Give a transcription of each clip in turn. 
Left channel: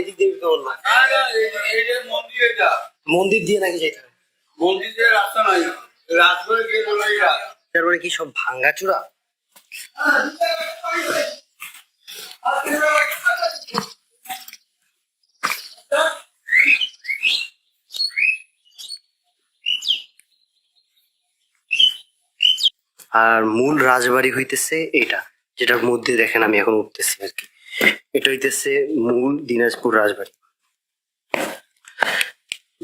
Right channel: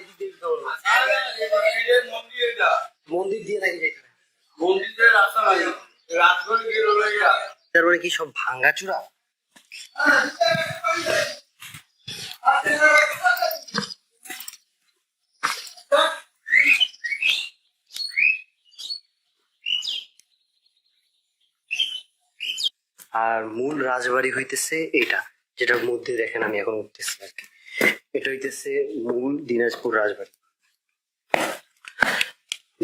এদিক দিয়ে তো বললাম মন্দির দিয়ে নাকি যেতে হবে? মন্দির দিয়ে রাস্তা নাই, রাজবাড়ি গিয়ে তার মানে কি সব ভাঙ্গাচোরা? আর মূল রাজবাড়ি হইতেছে এটা, যেটার মধ্যে দেখেন আমি এখন উঠতেছি আর কি। এটা হইতেছে মূল দিনাজপুর রাজবাড়ি।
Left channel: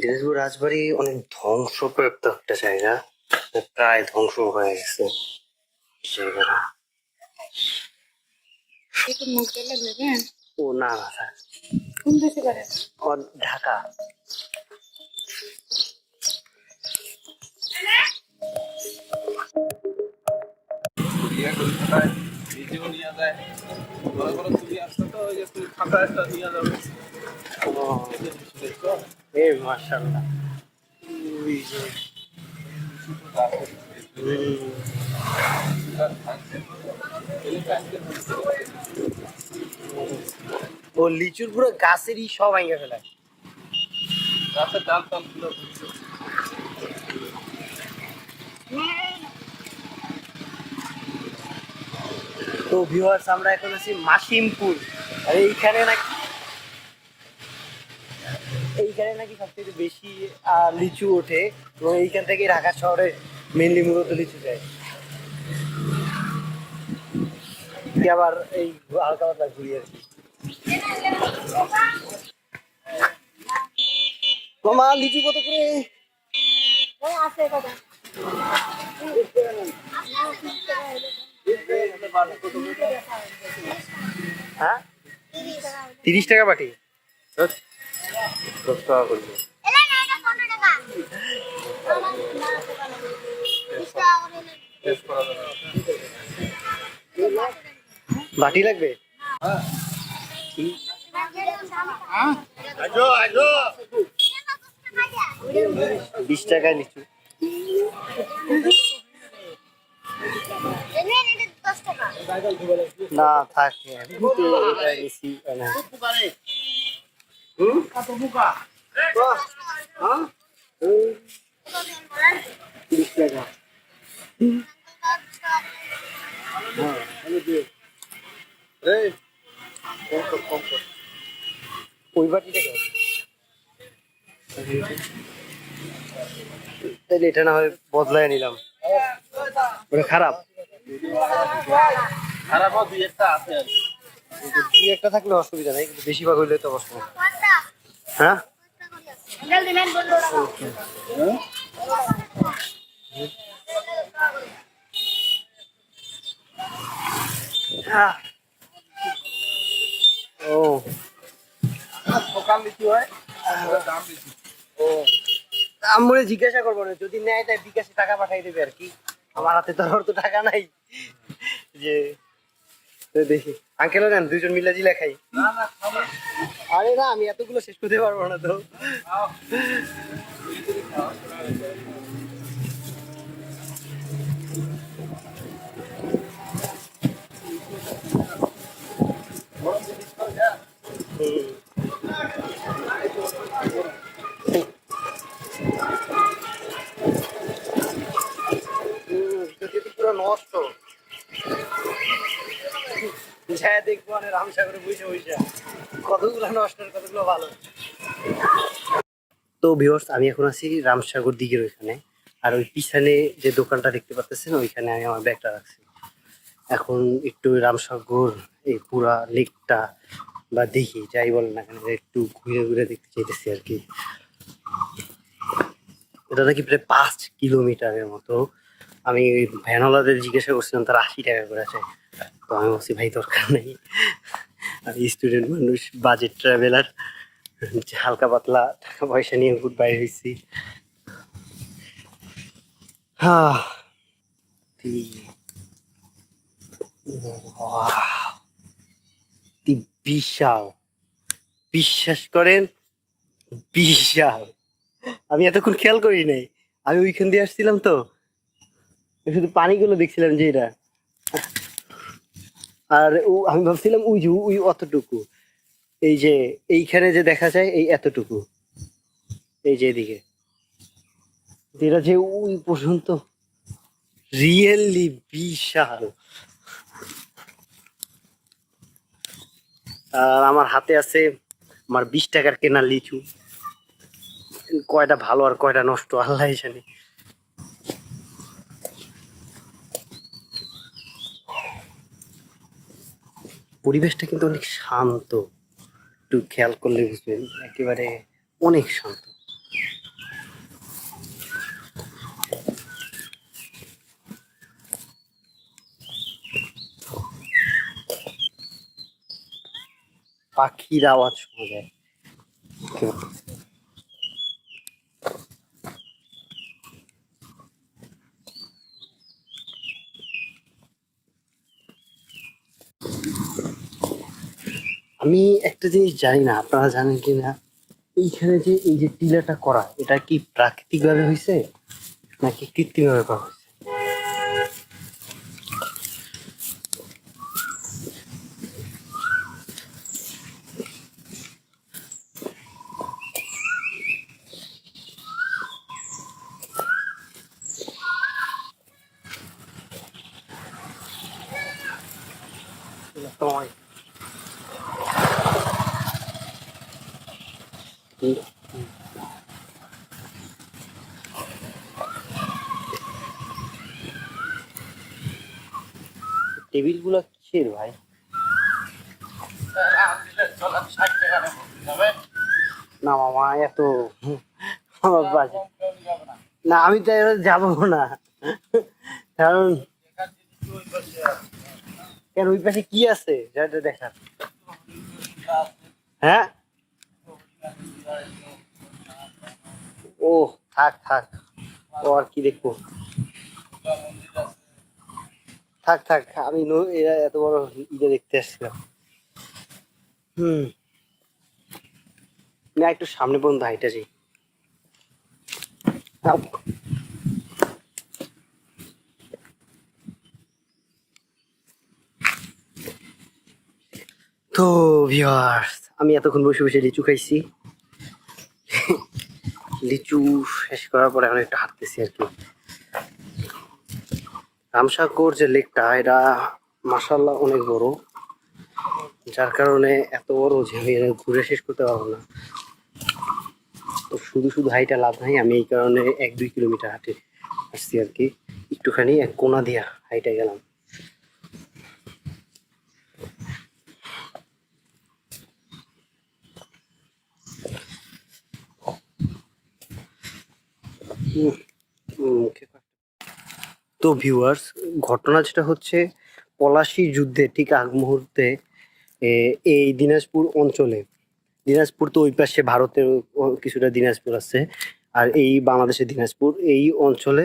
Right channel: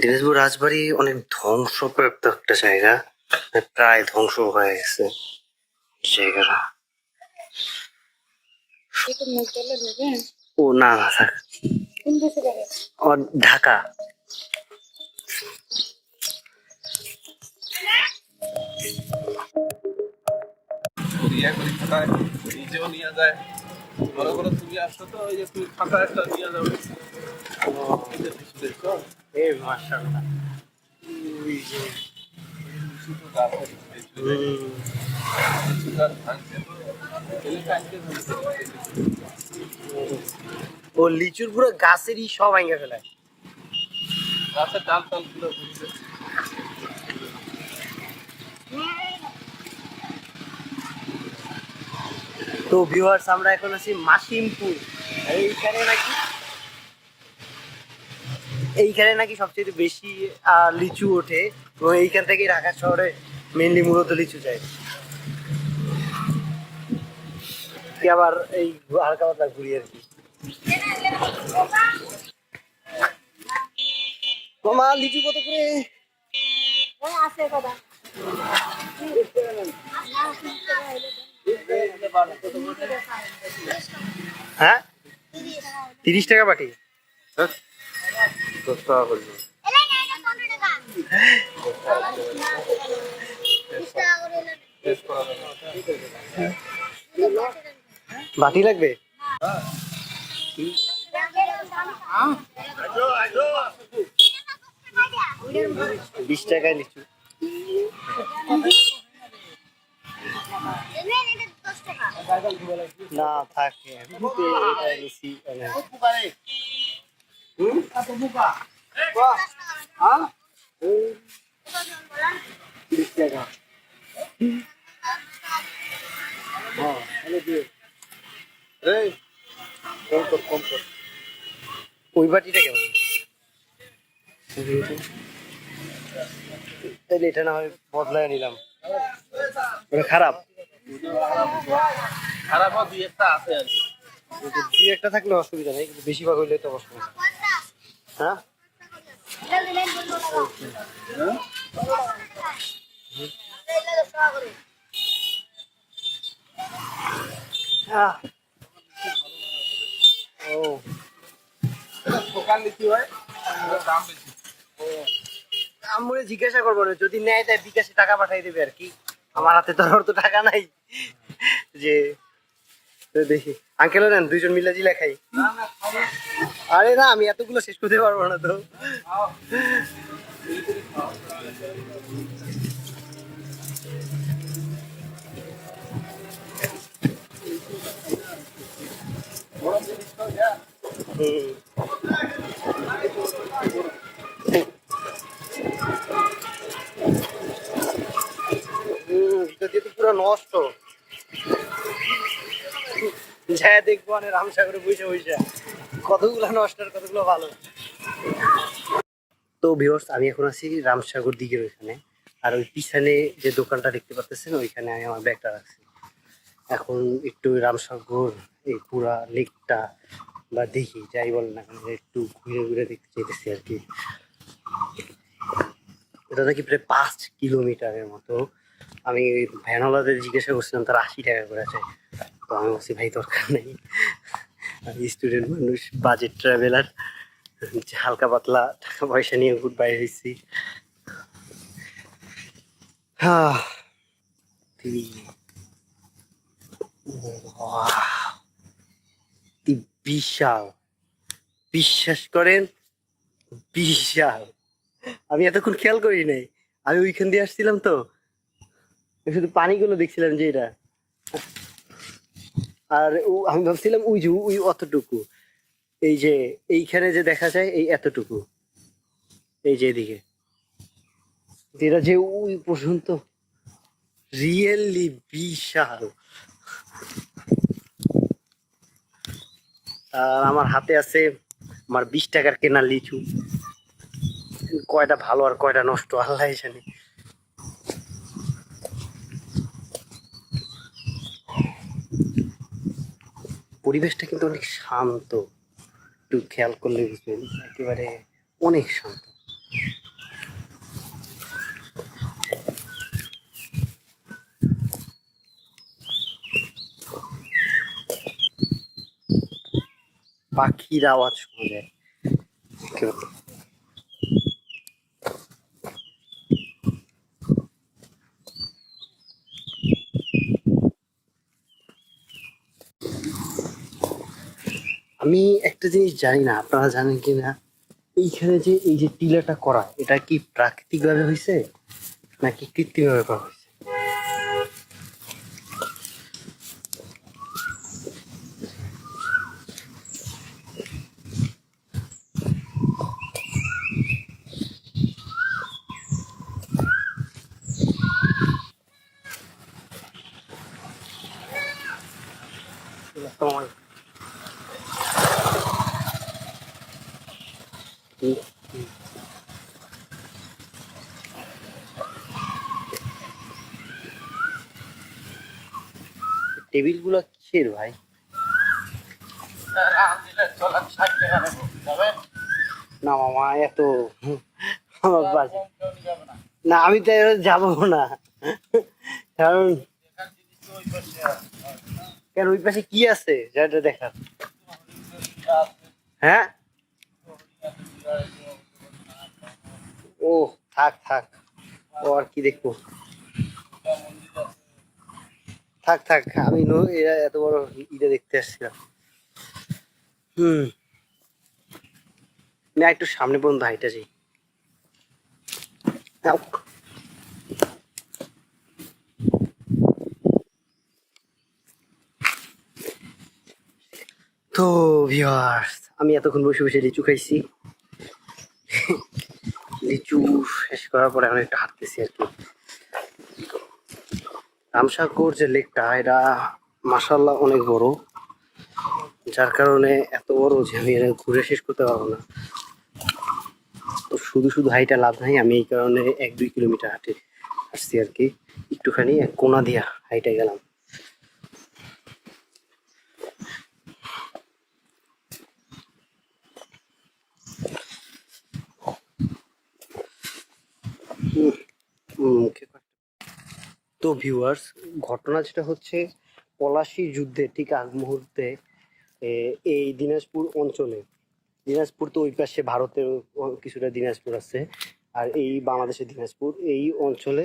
দিনাজপুর রাজবাড়ি অনেক ধ্বংসপ্রাপ্ত একটা জায়গা, প্রায় ধ্বংস হয়ে গেছে জায়গাটা। ও না না থাক, ঢাকা। নিজেও নিয়ে যায়, মনে করে তুমি আসছো তো ওই যে তুমি খাতা একটা নিয়ে যাবে। এই মাশাআল্লাহ, ওই যে ও লিচুর পুরো গাছেরই সব ভাঙে ফেলায়। গাছের ডাল টাল গুলো তো ভিউয়ার্স, আমরা এখন আছি মাসিমপুর। আর এইখানে নাকি সবচেয়ে বেশি লিচু ওঠে, এবং এইখান থেকে ঢাকা শহরে মেনলি মূলত লিচু যায়। আবার এই হালকা পাতলা ঘুরি আর কি। মামা লিচু কত করে? হ্যাঁ 30 টাকা বাটি। 10 টাকা করবে। বাটি লাগবে? 20 টাকায় লিচু। না থাকে নিচ্ছি। 20 টাকা। ওই বাটিটা কেমন? তাহলে এটা না হয় বদলায় নিলাম। ওটা খারাপ? খারাপ দুই একটা আছে আর কি। দুই একটা থাকলে অসুবিধা নেই, কিন্তু বেশিরভাগ হইলে তো অসুবিধা। হ্যাঁ ও দোকান লিচু হয়, দাম বেশি। আমরা জিজ্ঞাসা করবো না, যদি নেয় তাই বিকাশে টাকা পাঠাই দেবে আর কি। আমার হাতে তো আর তো টাকা নাই যে। তো দেখি আঙ্কেল নেন, দুইজন মিলে জিলা খাই। আরে না, আমি এতগুলো শেষ করতে পারবো না তো। পুরো নষ্ট। হ্যাঁ দেখবো মানে রামসাগরে বসে বসে কতগুলো নষ্ট আর কতগুলো ভালো। তো ভিউয়ার্স, আমি এখন আছি রামসাগর দিকের ওইখানে। আর ওই পিছনে যে দোকানটা দেখতে পাচ্ছেন ওইখানে আমি আমার ব্যাগটা রাখছি। এখন একটু রামসাগর এই পুরা লেকটা বা দেখি, যাই বলেন না কেন, একটু ঘুরে ঘুরে দেখতে চাইতেছি আর কি। এটা নাকি প্রায় 5 কিলোমিটারের মতো। আমি ভ্যানওয়ালাদের জিজ্ঞাসা করছিলাম, তারা 80 টাকা করে আছে। তো আমি বলছি ভাই দরকার নেই, আমি স্টুডেন্ট মানুষ, বাজেট ট্রাভেলার, হালকা পাতলা টাকা পয়সা নিয়ে ঘুর বাইরে হয়েছি। হ্যাঁ বিশাল, বিশ্বাস করেন বিশাল। আমি এতক্ষণ খেয়াল করি নাই, আমি ওইখান দিয়ে আসছিলাম তো, শুধু পানিগুলো দেখছিলাম যে এটা। আর আমি ভাবছিলাম ওই যে ওই অতটুকু, এই যে এইখানে যে দেখা যায় এই এতটুকু, এই যে এদিকে এটা যে ওই পর্যন্ত রিয়েলি বিশাল। আর আমার হাতে আছে আমার 20 টাকার কেনা লিচু, কয়টা ভালো আর কয়টা নষ্ট আল্লাহ জানে। পরিবেশটা কিন্তু অনেক শান্ত, একটু খেয়াল করলে বুঝবেন একেবারে অনেক শান্ত। পাখির আওয়াজ শোনা যায় একেবারে। আমি একটা জিনিস জানি না, আপনারা জানেন কি না, এইখানে যে এই যে টিলাটা করা, এটা কি প্রাকৃতিক ভাবে হয়েছে নাকি কৃত্রিম ভাবে করা হয়েছে? টেবিল গুলা কিসের ভাই? চলেন 60 টাকা নেবো, যাবেন? না মামা এত আমার বাজে না, আমি তো যাবো না, কারণ কেন ওই পাশে কি আছে যেটা দেখার? হ্যাঁ, ও থাক থাক, ও আর কি দেখবো, থাক থাক, আমি এরা এত বড় ইটা দেখতে আসছিলাম। হুম, না একটু সামনে পর্যন্ত হাইটা যাই। তো ভিউয়ার্স, আমি এতক্ষণ বসে বসে লিচু খাইছি, লিচু শেষ করার পরে এখন একটু হাঁটতেছি আর কি। রামসাগর যে লেকটা, এটা মাসাল্লাহ অনেক বড়, যার কারণে এত বড় যে আমি এটা ঘুরে শেষ করতে পারবো না। তো শুধু শুধু হাইটা লাভ নাই, আমি এই কারণে 1-2 কিলোমিটার হাঁটে আসছি আর কি, একটুখানি এক কোনা দিয়া হাইটা গেলাম। তো ভিউয়ার্স, ঘটনা যেটা হচ্ছে, পলাশী যুদ্ধে ঠিক আগ মুহূর্তে এই দিনাজপুর অঞ্চলে, দিনাজপুর তো ওই পাশে ভারতের কিছুটা দিনাজপুর আছে, আর এই বাংলাদেশের দিনাজপুর এই অঞ্চলে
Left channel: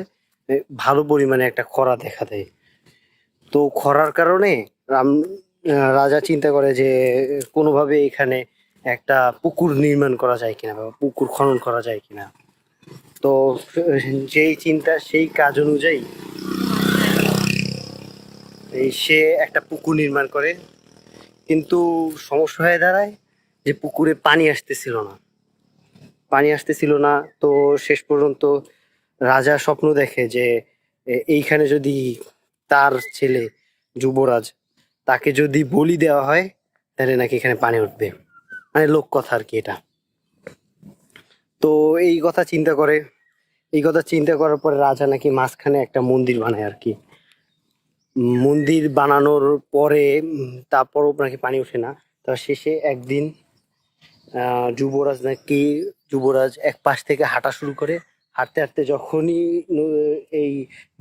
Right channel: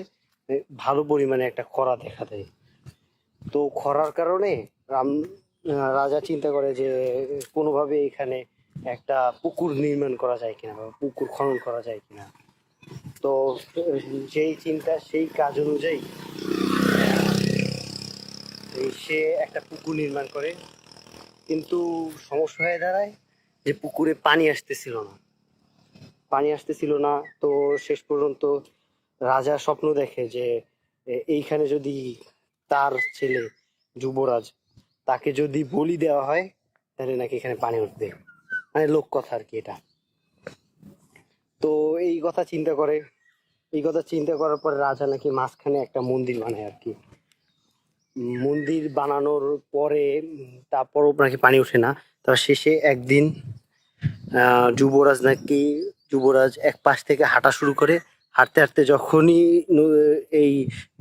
ভালো পরিমাণে একটা খরা দেখা দেয়। তো খরার কারণে রাজা চিন্তা করে যে কোনোভাবে এখানে একটা পুকুর নির্মাণ করা যায় কিনা বা পুকুর খনন করা যায় কিনা। তো যেই চিন্তা সেই কাজ অনুযায়ী সে একটা পুকুর নির্মাণ করে, কিন্তু সমস্যা হয়ে দাঁড়ায় যে পুকুরে পানি আসতেছিল না। তো শেষ পর্যন্ত রাজা স্বপ্ন দেখে যে এইখানে যদি তার ছেলে যুবরাজ, তাকে যদি বলি দেওয়া হয় তাহলে নাকি এখানে পানি উঠবে, মানে লোক কথা আর কি এটা। তো এই কথা চিন্তা করে, এই কথা চিন্তা করার পরে রাজা নাকি মাঝখানে একটা মন্দির বানায় আর কি। মন্দির বানানোর পরে তারপরও নাকি পানি ওঠে না। তার শেষে একদিন যুবরাজ এক পাশ থেকে হাঁটা শুরু করে, হাঁটতে হাঁটতে যখনই এই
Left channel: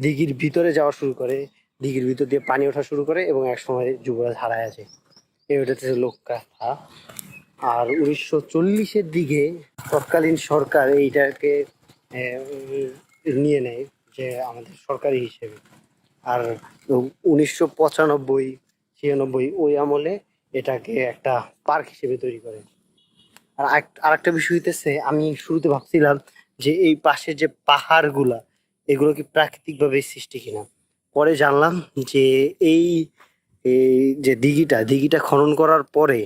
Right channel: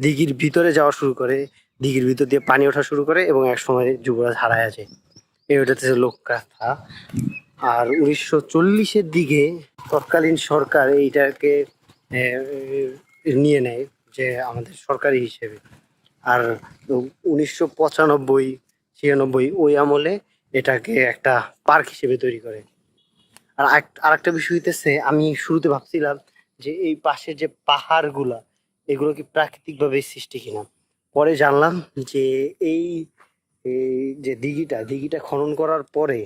দিঘির ভিতরে যাওয়া শুরু করে, দিঘির ভিতর দিয়ে পানি ওঠা শুরু করে এবং এক সময় যুবরাজ হারায় যায়। এই ওটাতে লোকগাথা। আর 1940-এর দিকে তৎকালীন সরকার এইটাকে নিয়ে নেয় যে আমাদের সরকারি হিসেবে। আর 1995-96 ওই আমলে এটাকে একটা পার্ক হিসেবে তৈরি করে। আর আরেকটা বিষয় হইতেছে, আমি শুরুতে ভাবছিলাম যে এই পাশে যে পাহাড়গুলা, এগুলো কি প্রাকৃতিক ভাবে সৃষ্টি কিনা। পরে জানলাম যে এই এই যে দিঘিটা খনন করার পরে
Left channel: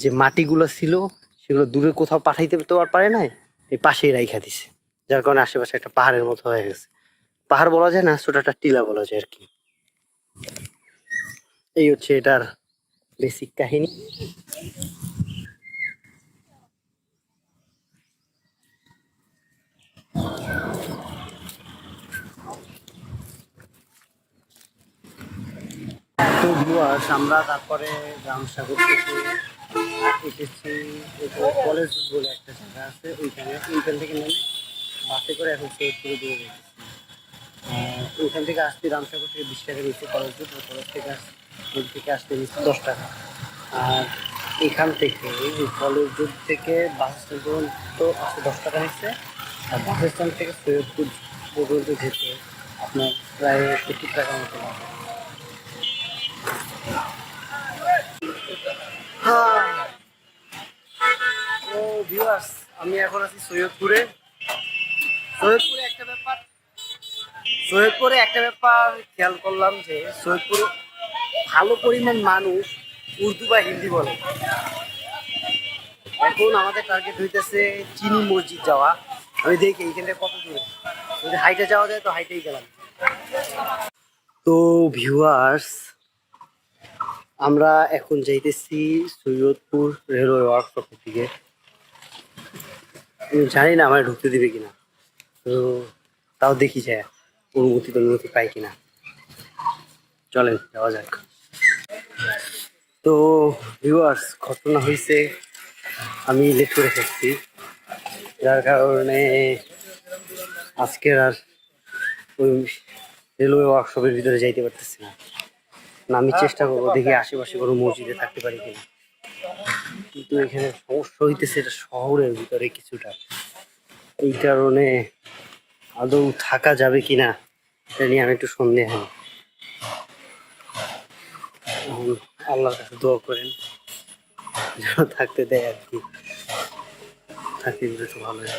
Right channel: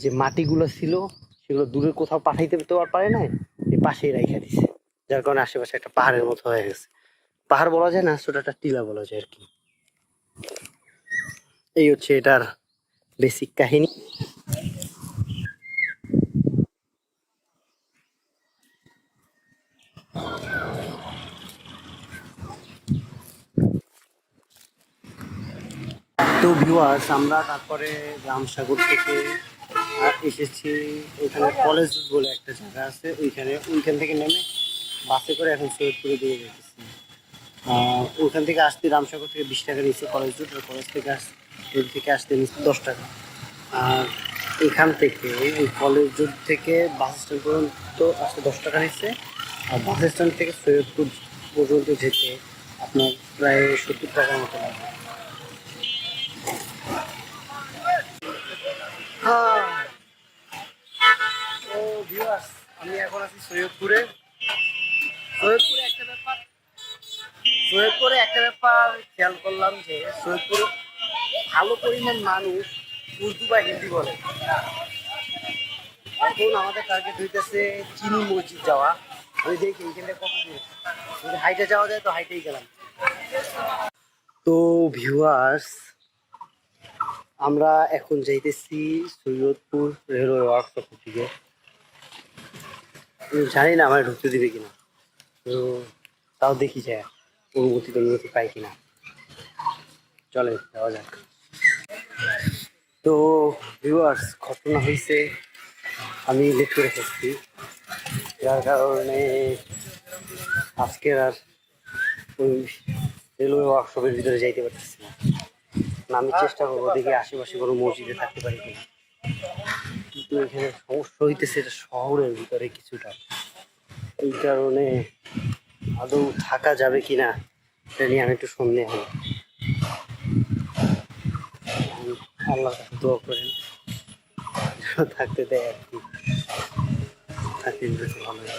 যে মাটিগুলো ছিল সেগুলো দূরে কোথাও পাঠাইতে তো আর পারে নাই, এই পাশেই রাইখা দিছে, যার কারণে আশেপাশে একটা পাহাড়ের মতো হয়ে গেছে। পাহাড় বলা যায় না, ছোট একটা টিলা বলা যায় আর কি। এই হচ্ছে এটার বেসিক কাহিনী। তো ভিউয়ার্স, আমরা তারপরে রামসাগর থেকে এসেছি ওইখানে কলেজ বলে একটা জায়গা আছে, ওইখান থেকে নেমে বাসে করে এখন সৈয়দপুরে দিয়ে যেতেছি। ওইখান থেকে আসতে রামসাগর থেকে 20 টাকা নিচ্ছে কলেজ রুট, আর কলেজ থেকে থেকে আসতে নিচ্ছে 10 টাকা। আর এখান থেকে ওই কলেজ রুট থেকে বাস স্ট্যান্ড পর্যন্ত আসতে 10 টাকা নিচ্ছে, আর বাস স্ট্যান্ড থেকে সৈয়দপুর পর্যন্ত যেতে আপনার প্রায় 70 টাকার মতো লাগবে। হ্যাঁ, তো ভিউয়ার্স, আমি এখন আছি সৈয়দপুরে। সৈয়দপুরে একটা ব্যাপার খেয়াল করলাম যে সৈয়দপুরে ভালো পরিমাণ মানুষ উর্দু বা হিন্দি বলে। এখন আমাদের টার্গেট হইতেছে চিনি মসজিদ যাওয়া। আমি দেখি এইখানটা কত দূর, যদি হাইটে যাওয়া যায় তো হাইটেই গেলাম। তো ভিউয়ার্স, আমরা এখন যাইতেছি সৈয়দপুর রেলওয়ে ওয়ার্কশপের দিকে। আমি জানি না আমার ঢুকতে দিবে কিনা, তো তাও দেখি যায় অনুমতি পাই কিনা। চলেন যাওয়া যাক। তো ভিউয়ার্স, ঘটনা হয়েছে আমি লেট করে ফেলছি, যার কারণে আজকের আর ওই রেলওয়ে ওয়ার্কশপের ভিতরে যাইতে পারতেছি না। আমি চেষ্টা করবো, দেখি আশেপাশে কোনো মসজিদে থাকতে পারি কিনা। কিন্তু এখানে সমস্যা হইতেছে, এটা শহরের ভিতরে কিছুটা, এই কারণে আদৌ থাকা যাবে কিনা এটা নিয়ে আমি একটু সন্দেহ। আল্লাহর কাছে দোয়া করেন যেন থাকতে দেয় আর কি, থাকতে দিলে তো ভালো হয়।